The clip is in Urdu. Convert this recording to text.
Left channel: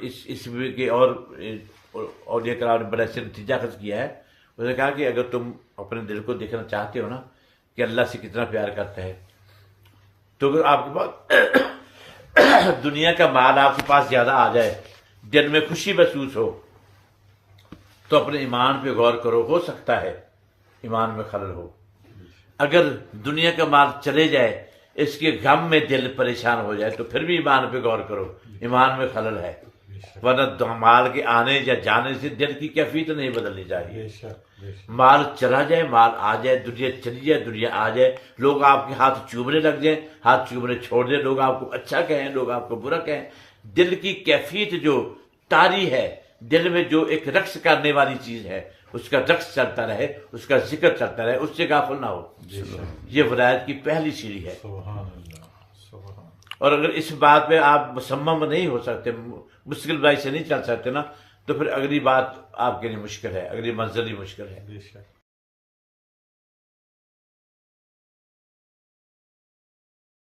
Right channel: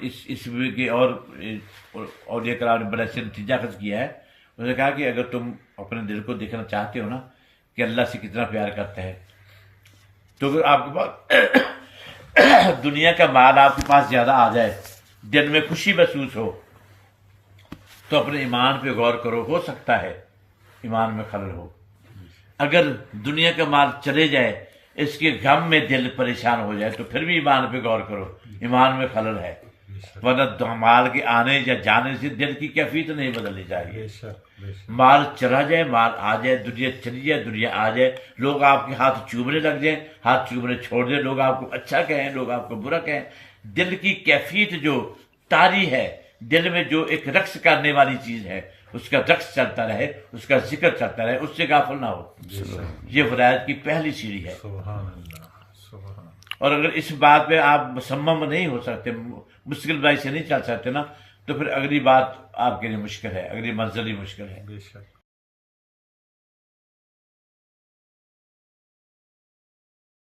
اس کے اور یہ کرام نے بڑا سے نتیجہ اخذ کیا ہے. اس نے کہا کہ اگر تم اپنے دل کو دیکھنا چاہتے ہو نا کہ اللہ سے کتنا پیار کرتا ہے، تو اگر آپ کے پاس دنیا کا مال آپ کے پاس زیادہ آ جائے، دل میں خوشی محسوس ہو، تو اپنے ایمان پہ غور کرو. ہو سکتا ہے ایمان میں خلل ہو. اگر دنیا کا مال چلے جائے، اس کے غم میں دل پریشان ہو جائے، تو پھر بھی ایمان پہ غور کرو، ایمان میں خلل ہے. ورنہ مال کے آنے یا جانے سے دل کی کیفیت نہیں بدلنی چاہیے. مال چلا جائے، مال آ جائے، دنیا چلی جائے، دنیا آ جائے، لوگ آپ کے ہاتھ چومنے لگ جائیں، ہاتھ چومنے چھوڑ دیں، لوگ آپ کو اچھا کہیں، لوگ آپ کو برا کہیں، دل کی کیفیت جو طاری ہے، دل میں جو ایک رقص کرنے والی چیز ہے، اس کا رقص چلتا رہے، اس کا ذکر چلتا رہے، اس سے غافل نہ ہو. یہ ہدایت کی پہلی سیڑھی ہے. اور اگر اس بات پہ آپ مصمم نہیں ہو سکتے، مشکل بائی سے نہیں چل سکتے نا، تو پھر اگلی بات آپ کے لیے مشکل ہے، اگلی منزل ہی مشکل ہے.